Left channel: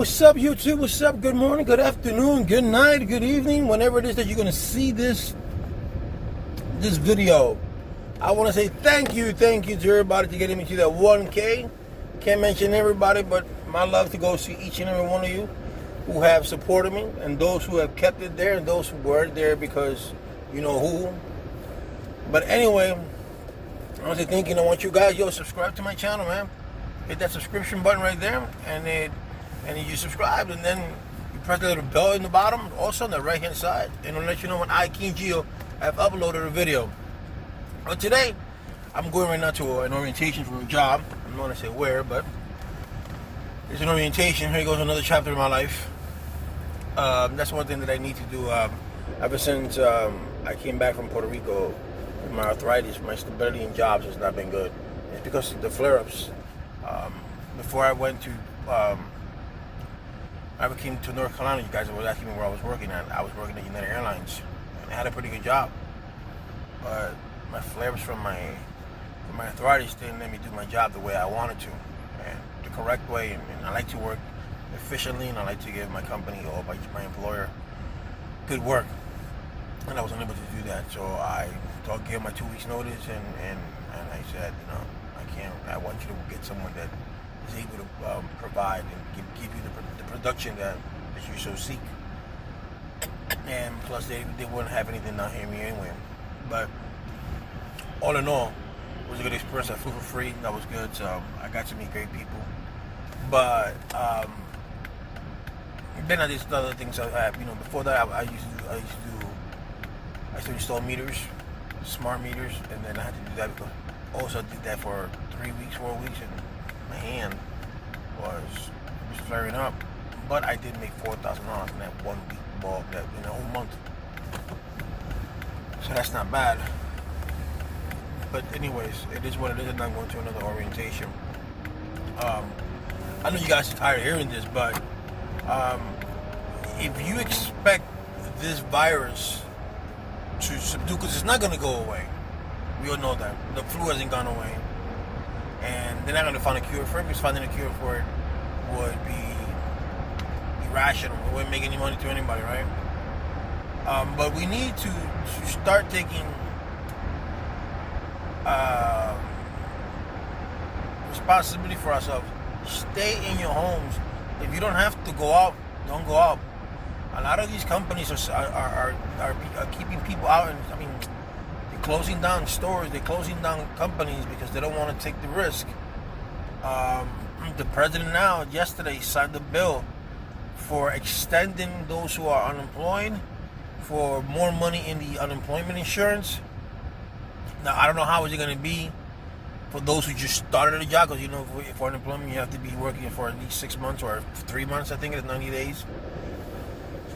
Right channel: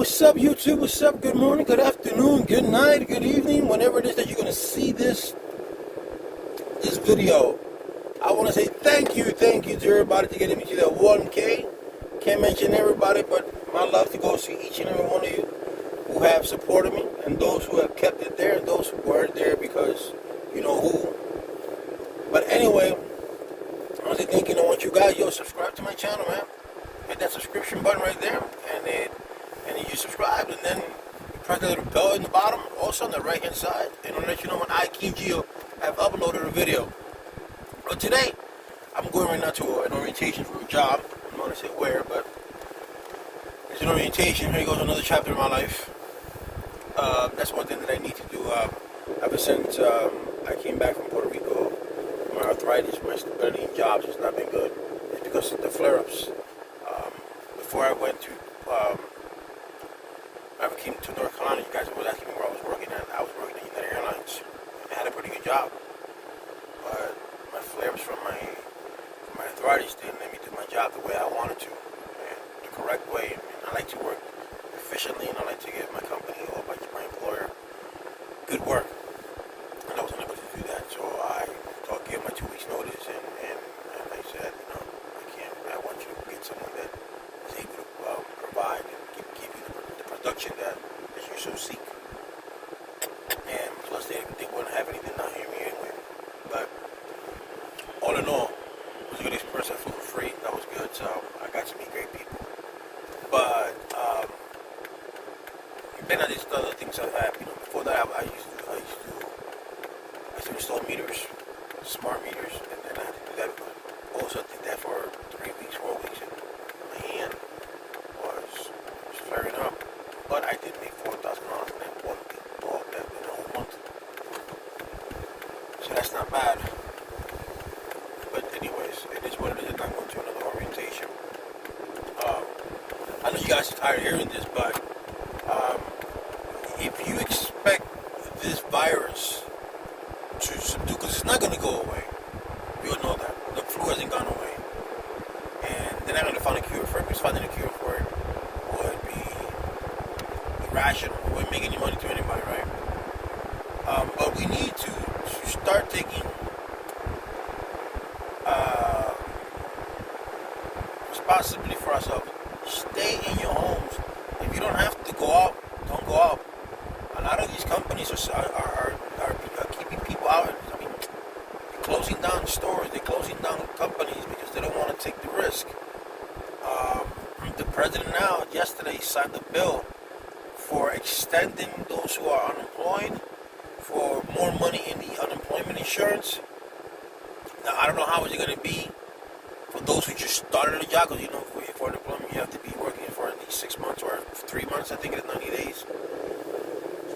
what's up, YouTube? What's up? Good morning, good afternoon, good night, good evening, whenever it is that you're going to see this video. I want to say thank you to everybody to getting me to that 1K. Can't mention everybody, but my love to go see each and every one of you who have supported me, and those who have kept it there, and those who weren't there because you know who. But anyway, I want to say thank you. I want you guys, subscribe to my channel, man. Hit that subscription button right there, and then you subscribe, and then you press the little bell in the bottom, also on the right hand side, and it'll let you know when I, King Gio, have uploaded a video. But today, I'm going right now to an orientation for a job. I'm not going to say where, but it's an orientation. Here goes another chapter in my life. That's one thing that I need to do. Ever since I came back from Puerto Rico, my arthritis, my stability in jobs has not been good. It's because of the flare-ups. Before I went to, I came to North Carolina, you guys were asking me where I was working at. I was working at United Airlines. I had a pretty good job, but my flare-ups from my arthritis didn't let me do my job the way I wanted to, and the correct way. And I like to work efficiently, and I like to give my company or my employer good work, and I was unable to do that. So I gave my 2 weeks notice, and I said, I want you to get someone that is able to provide and give you the production that you so seek. And plus, they wouldn't have anything down here anyway. But all in all, it was a good experience. I flew for free. That was good. So I got to meet great people. But then I did other things. Before that, I used to install meters, smart meters, and then I had to do that. Also did that for 3 weeks, 4 weeks, and my hand was flaring up. But I did make $4,000 in that one ball in the whole month. So that's not bad. But anyways, it is what it is, and I'm going to another orientation. I know you guys are tired of hearing this, but if you expect this virus to subdue, because it's not going to go away. We all know that. The flu hasn't gone away. And they're not going to find a cure for it, because finding a cure for it would be irrational. It wouldn't make any money to anybody, right? But we need to start taking responsibility for ourselves. Stay in your homes. If you don't have to go out, don't go out. A lot of these companies are keeping people out. They're closing down stores. They're closing down companies because they don't want to take the risk. The president now, yesterday, signed a bill for extending those who are unemployed for more money in the unemployment insurance. Now, I don't know how is it going to be for those who just started a job, because for unemployment you have to be working for at least 6 months or 3 months. I think it's 90 days.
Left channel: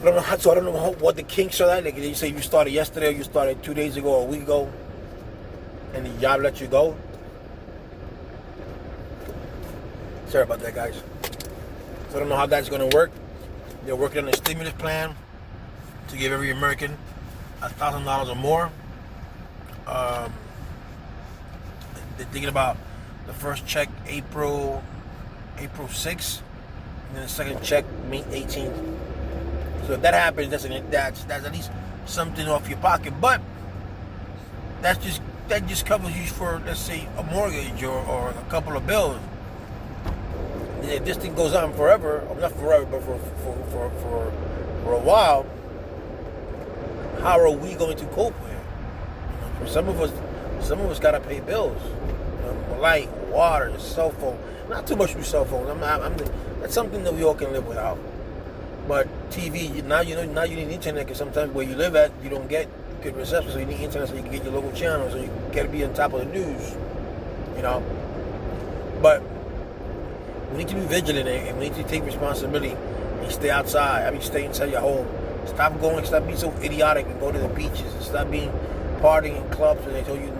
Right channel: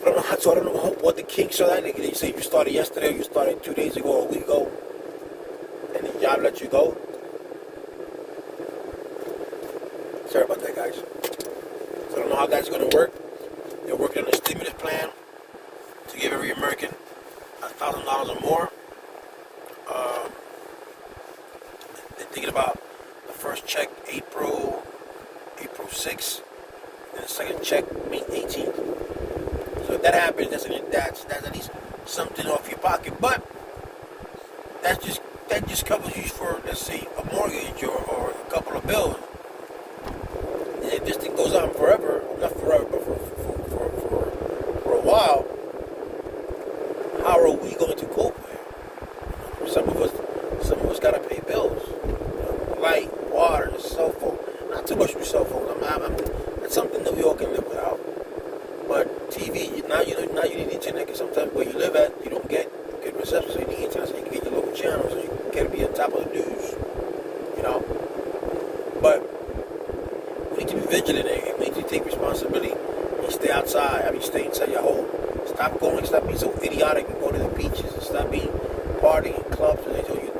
I don't know what the kinks are like. They say you started yesterday, or you started 2 days ago, or a week ago, and the job lets you go. Sorry about that, guys. So I don't know how that's going to work. They're working on a stimulus plan to give every American $1,000 or more. They're thinking about the first check April 6th, and then the second check May 18th. So if that happens, that's at least something off your pocket. But that just covers you for, let's say, a mortgage or a couple of bills. And if this thing goes on forever, or not forever, but for a while, how are we going to cope with it? Some of us gotta pay bills. Light, water, cell phone. Not too much with cell phone. That's something that we all can live without. But TV, now you need internet, because sometimes where you live at, you don't get good reception, so you need internet so you can get your local channels, so you can be on top of the news, But we need to be vigilant, and we need to take responsibility and stay outside. Stay inside your home. Stop being so idiotic and go to the beaches, and stop being partying in clubs when they tell you,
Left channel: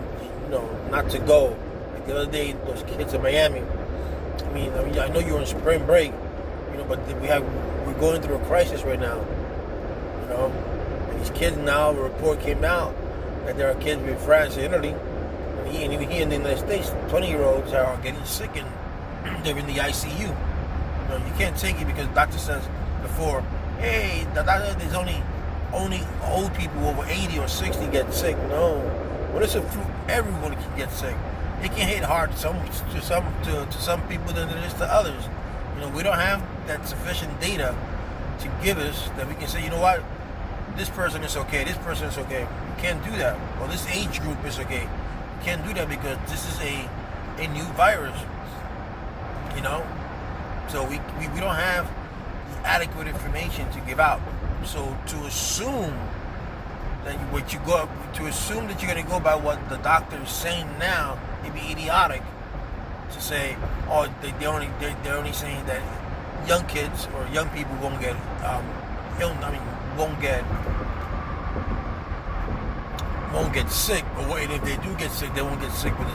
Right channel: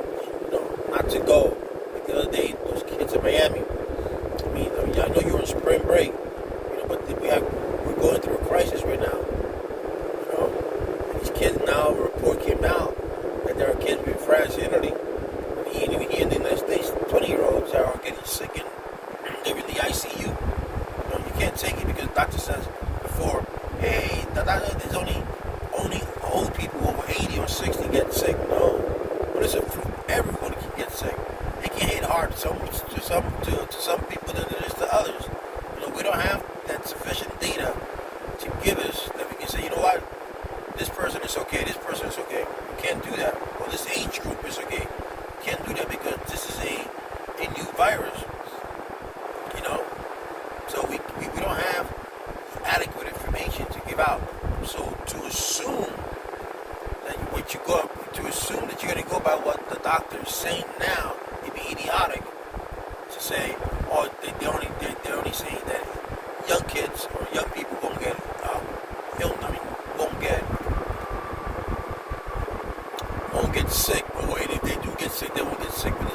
not to go. Like the other day, those kids in Miami. I know you're on spring break, but we're going through a crisis right now. And these kids now, a report came out that there are kids in France and Italy, and even here in the United States, 20-year-olds are getting sick and they're in the ICU. you can't take it because the doctor says before, hey, the doctor, there's only old people over 80 or 60 get sick. No, but it's a flu. Everybody can get sick. It can hit hard to some people than it is to others. We don't have that sufficient data to give us that we can say, you know what, this person is okay, this person is okay. You can't do that. Well, this age group is okay. You can't do that because this is a new virus. So we don't have adequate information to give out. So to assume that assume that you're going to go by what the doctor is saying now, it'd be idiotic to say, oh, they're only saying that young kids or young people won't get won't get sick, or if they do get sick, they won't get sick with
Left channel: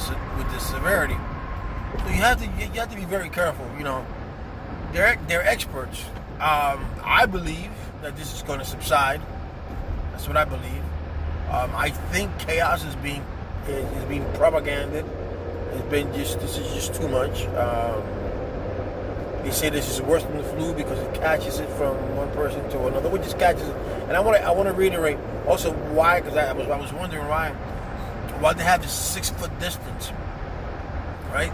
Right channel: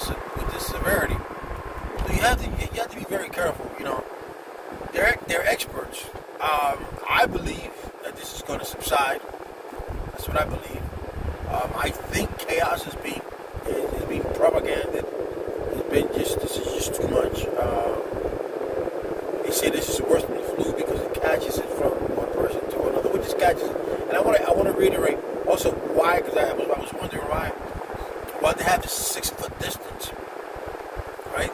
this severity. So you have to be very careful. They're experts. I believe that this is going to subside. That's what I believe. I think chaos is being propagated. This is just too much. They say this is worse than the flu because it catches it from one person to another, which is catches it. And I want to reiterate also why, because I was wondering why they have the 6 foot distance, right?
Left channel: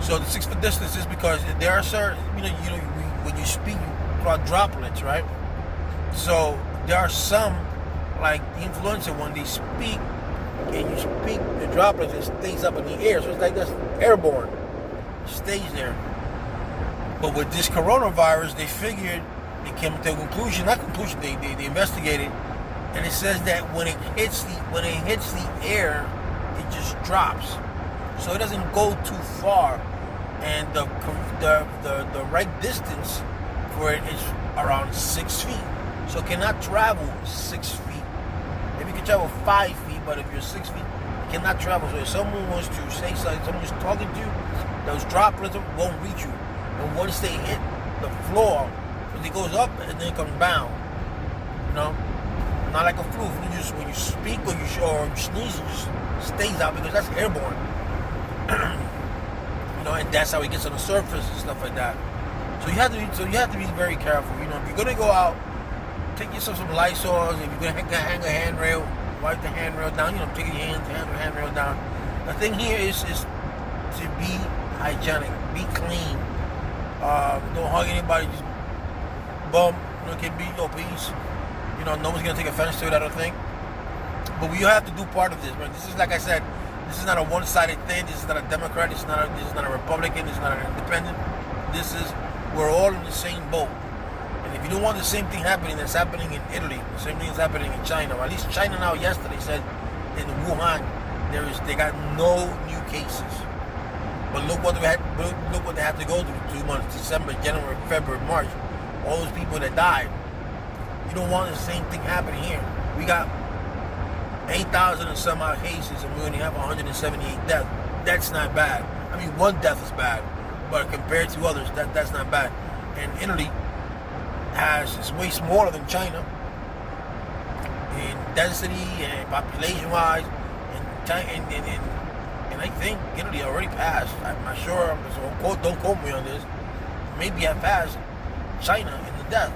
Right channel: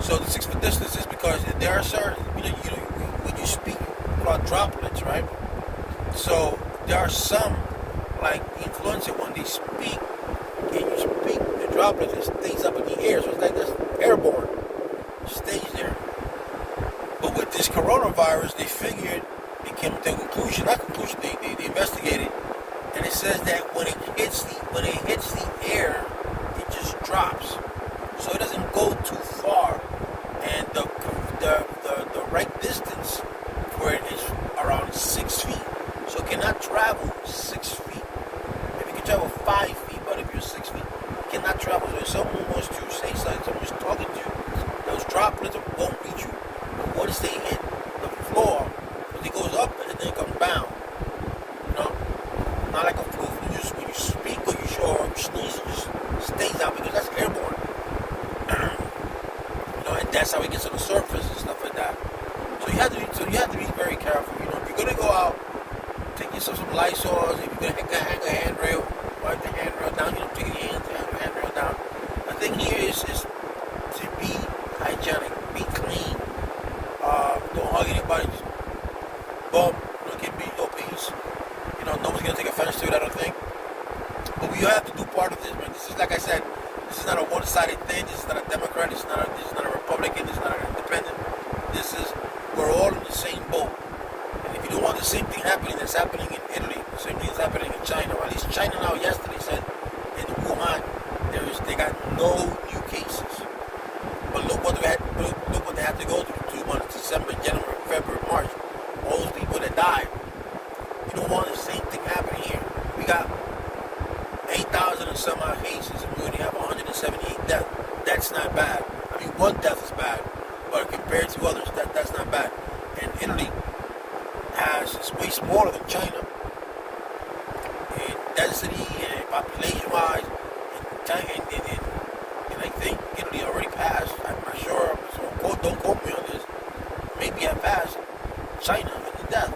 So the 6 foot distance is because there are certain, when you speak about droplets, right? So there are some, like the influenza, when they speak, and you speak the droplets, it stays up in the air. So it's like this, airborne. It stays there. But with this coronavirus, they came to a conclusion, they investigated, and it says that when it hits the air, it just drops. So it doesn't go too far. And the right distance for it is around 6 feet. So it cannot travel 6 feet. Maybe you can travel 5 feet, but if you're 6 feet, you cannot travel. So if someone wants to say something, someone's talking to you, those droplets won't reach you. And once they hit the floor, it goes up and then it comes down. Not like a flu. When you speak or you sneeze, it just stays out because that's airborne. And that's how it gets on the surface and stuff like that. So you have to be very careful. If you're gonna go out, take yourself some Lysol. If you're gonna hang a handrail, wipe the handrail down. Take your hands, hang the handrail down. The thing here is to be hygienic, be clean. Don't hug anybody, just bump. Can be no peace. No one's gonna take offense to it, I don't think. But we have to do part of this. But this is, like I said, this is not a one-sided thing. This is not a Democrat. This is not a Republican. This is not an independent. We're all in the same boat. And if you don't want the same thing happening that's happening in Italy, the same thing that's happening in China, or at least China now yesterday said in Wuhan they got no new cases. But look what they had to go through 2 months: December, January, February, March. All those people that died. You don't want the same thing happening here. We got 8,000 and some odd cases, and we only have 178 deaths. That's not bad. I mean, one death is bad, but compared to others, that's not bad. And Italy is way smaller than China in density and population-wise, and I think Italy already passed. I'm not sure, so don't quote me on this. Maybe I passed China in the death.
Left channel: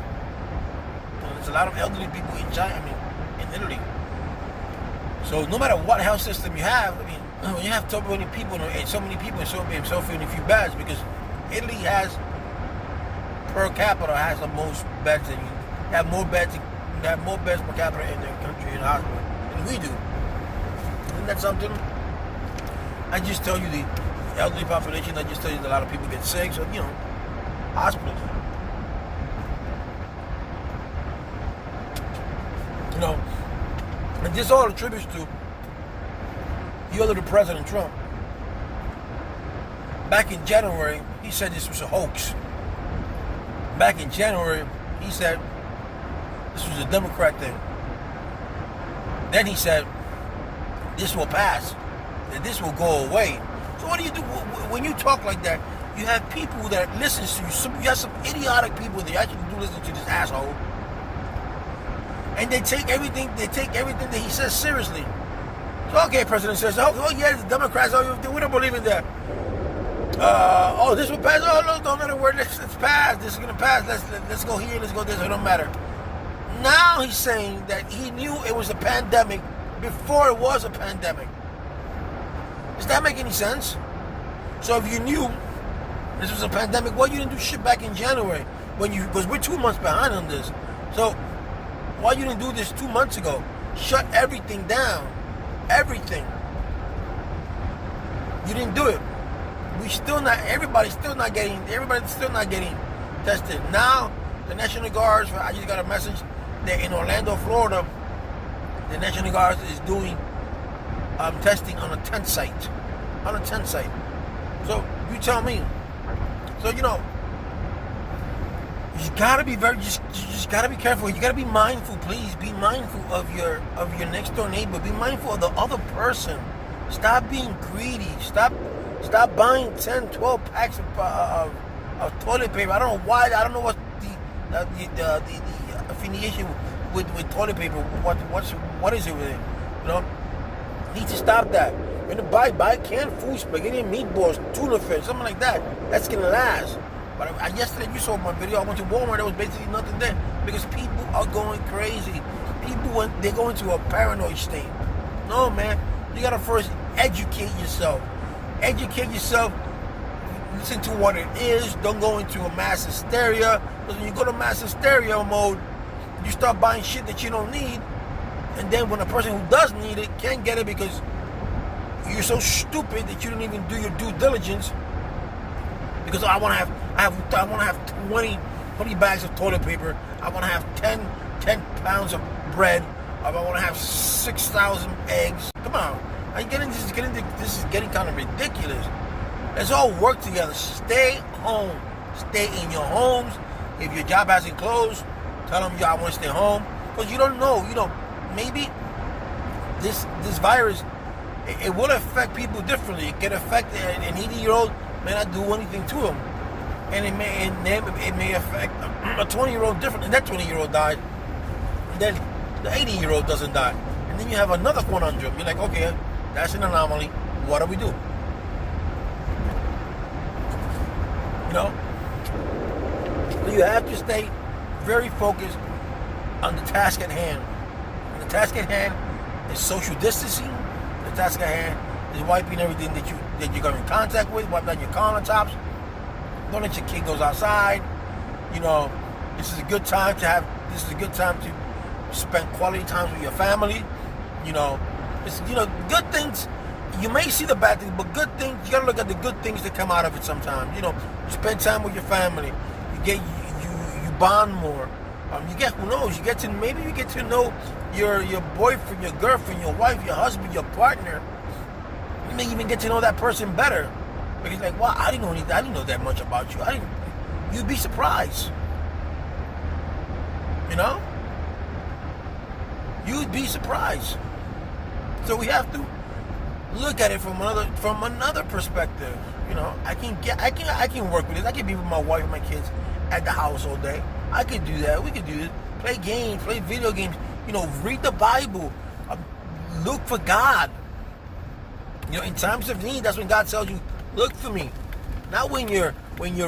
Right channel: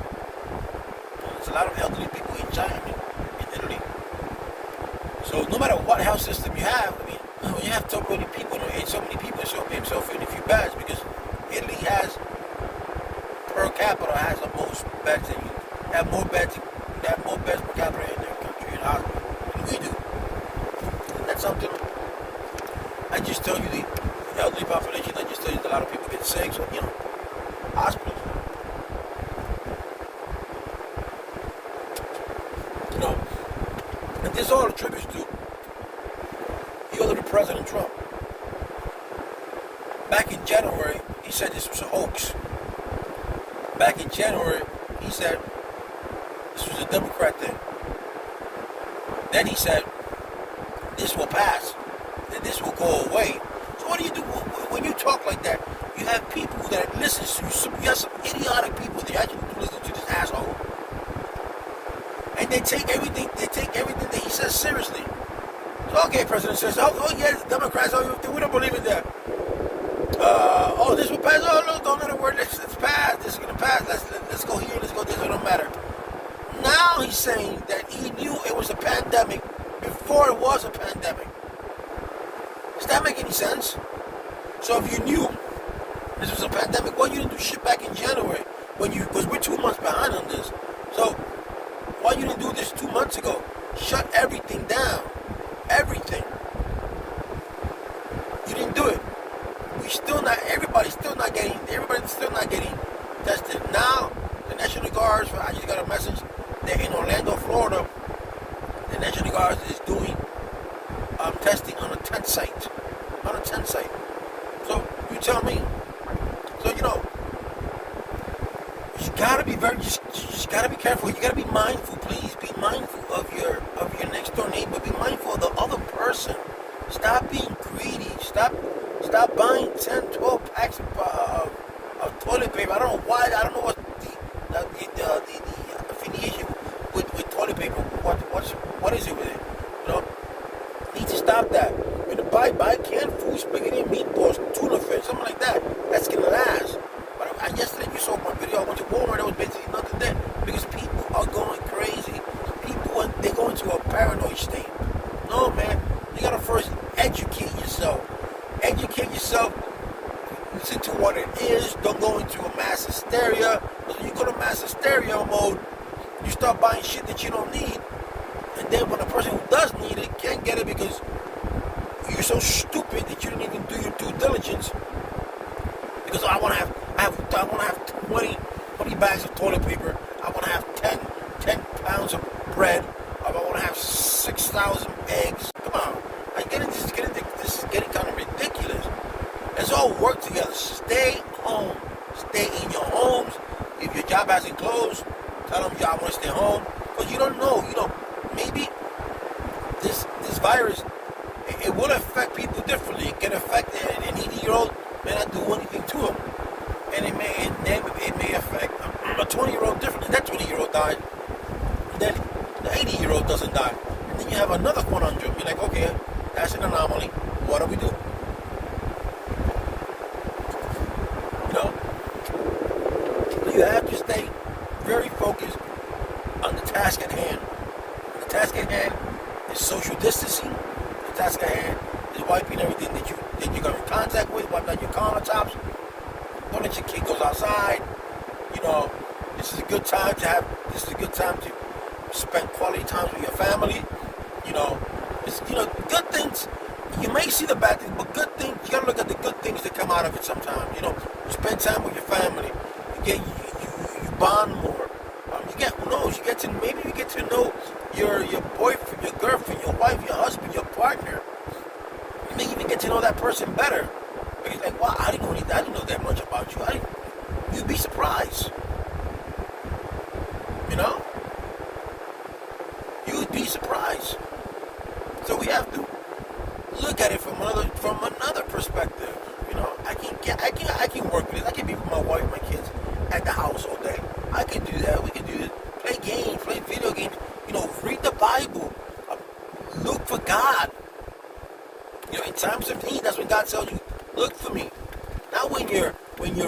There's a lot of elderly people in China, in Italy. So no matter what health system you have, when you have so many people, it's so few few beds, because Italy has per capita has the most beds than you have more beds per capita in their country in hospitals than we do. Isn't that something? I just tell you the elderly population. I just tell you that a lot of people get sick. So hospitals. And this all attributes to the other President Trump. Back in January, he said this was a hoax. Back in January, he said this was a Democrat thing. Then he said this will pass and this will go away. So what do you do when you talk like that? You have people that listen to you. You have some idiotic people that actually do listen to this asshole. And they take everything that he says seriously. So, okay, President says, oh yeah, the Democrats, we don't believe in that. Oh, this will pass. Oh, no, don't let it work. It's passed. This is gonna pass. Let's go here. Let's go this. It don't matter. Now he's saying that he knew it was a pandemic before it was a pandemic. Does that make any sense? So if you knew this was a pandemic, why you didn't do shit back in January because we're 2 months behind on this. So why you didn't do this 2 months ago? Shut everything down. Everything. You didn't do it. Everybody's still not getting tested. Now the National Guards, I just got a message that in Orlando, Florida, the National Guard is doing testing on a tent site. So you tell me. So you gotta be you just gotta be careful. You gotta be mindful, please. Be mindful of your next door neighbor. Be mindful of the other person. Stop being greedy. Stop buying 10, 12 packs of toilet paper. I don't know why. I don't know what the affiliation with toilet paper. What is it with it? You need to stop that. When you buy canned food, spaghetti and meatballs, tuna fish, something like that. That's gonna last. But yesterday you saw my video. I went to Walmart. There was basically nothing there because people are going crazy. They're going to a paranoid state. No, man. You gotta first educate yourself. Listen to what it is. Don't go into a mass hysteria. Because when you go to mass hysteria mode, you start buying shit that you don't need. And then when a person who does need it can't get it because you're so stupid that you don't even do your due diligence. Because I want to have 20 bags of toilet paper. I want to have 10 pounds of bread. I want to have 6,000 eggs. Come on. This is getting kind of ridiculous. Let's all work together. Stay home. Stay in your homes. If your job hasn't closed, tell them I want to stay home. Because you don't know. Maybe this virus, it will affect people differently. It can affect an 80-year-old, may not do anything to him. And it may affect a 20-year-old differently. That 20-year-old died. And then the 80-year-old doesn't die. And then you have another conundrum. You're like, okay, that's an anomaly. What do we do? So you have to stay very focused on the task at hand. And the task at hand is social distancing. The task at hand is wiping everything that you're in contact with, wipe out your countertops. Don't let your kid goes outside. This is a good time to spend quality time with your family. Good things. You may see the bad things, but good things. You gotta look at the good things that come out of it. Sometimes, you spend time with your family. You bond more. Who knows? You get to know your boyfriend, your girlfriend, your wife, your husband, your partner. You may even get to know that person better. Because you're like, wow, I didn't know that much about you. You'd be surprised. You'd be surprised. So we have to look at it from another perspective. I can work with this. I can be with my wife and my kids at the house all day. I can do that. We can do it. Play games, play video games. Read the Bible. Look for God. In times of need, that's when God tells you, look for me. Not when you're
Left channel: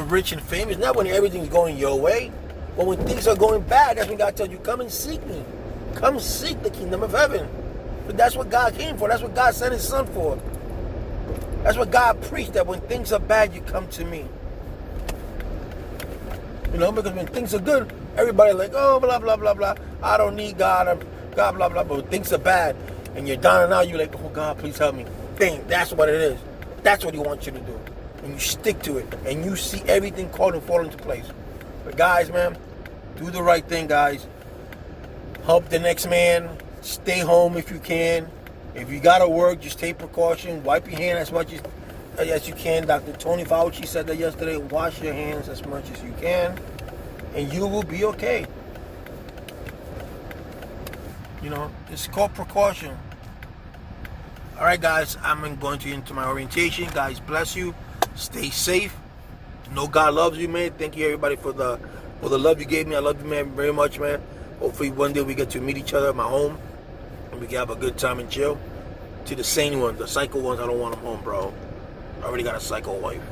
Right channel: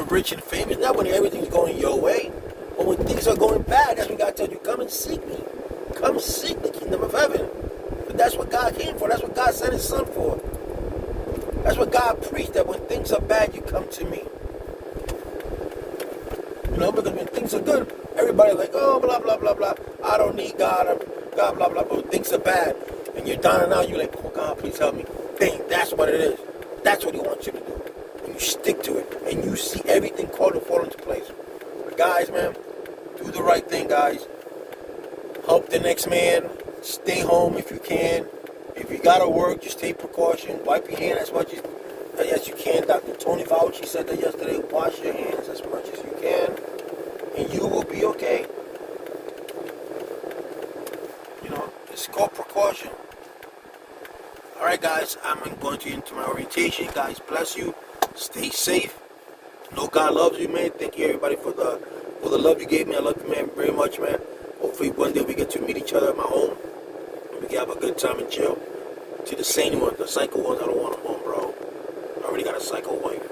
rich and famous. Not when everything's going your way. But when things are going bad, that's when God tells you, come and seek me. Come seek the kingdom of heaven. But that's what God came for. That's what God sent his son for. That's what God preached, that when things are bad, you come to me. Because when things are good, everybody's like, oh, blah, blah, blah, blah. I don't need God. God, blah, blah. But when things are bad, and you're down and out, you're like, oh, God, please help me. That's what it is. That's what he wants you to do. When you stick to it, and you see everything called and fall into place. But guys, man, do the right thing, guys. Help the next man. Stay home if you can. If you gotta work, just take precaution. Wipe your hand as much as you can. Dr. Tony Fauci said that yesterday. Wash your hands as much as you can, and you will be okay. It's called precaution. All right, guys, I'm going into my orientation. Guys, bless you. Stay safe. Know God loves you, man. Thank you, everybody, for the love you gave me. I love you, man, very much, man. Hopefully, one day we get to meet each other at my home. We can have a good time and chill. To the sane ones, the psycho ones, I don't want them home, bro. I already got a psycho wife.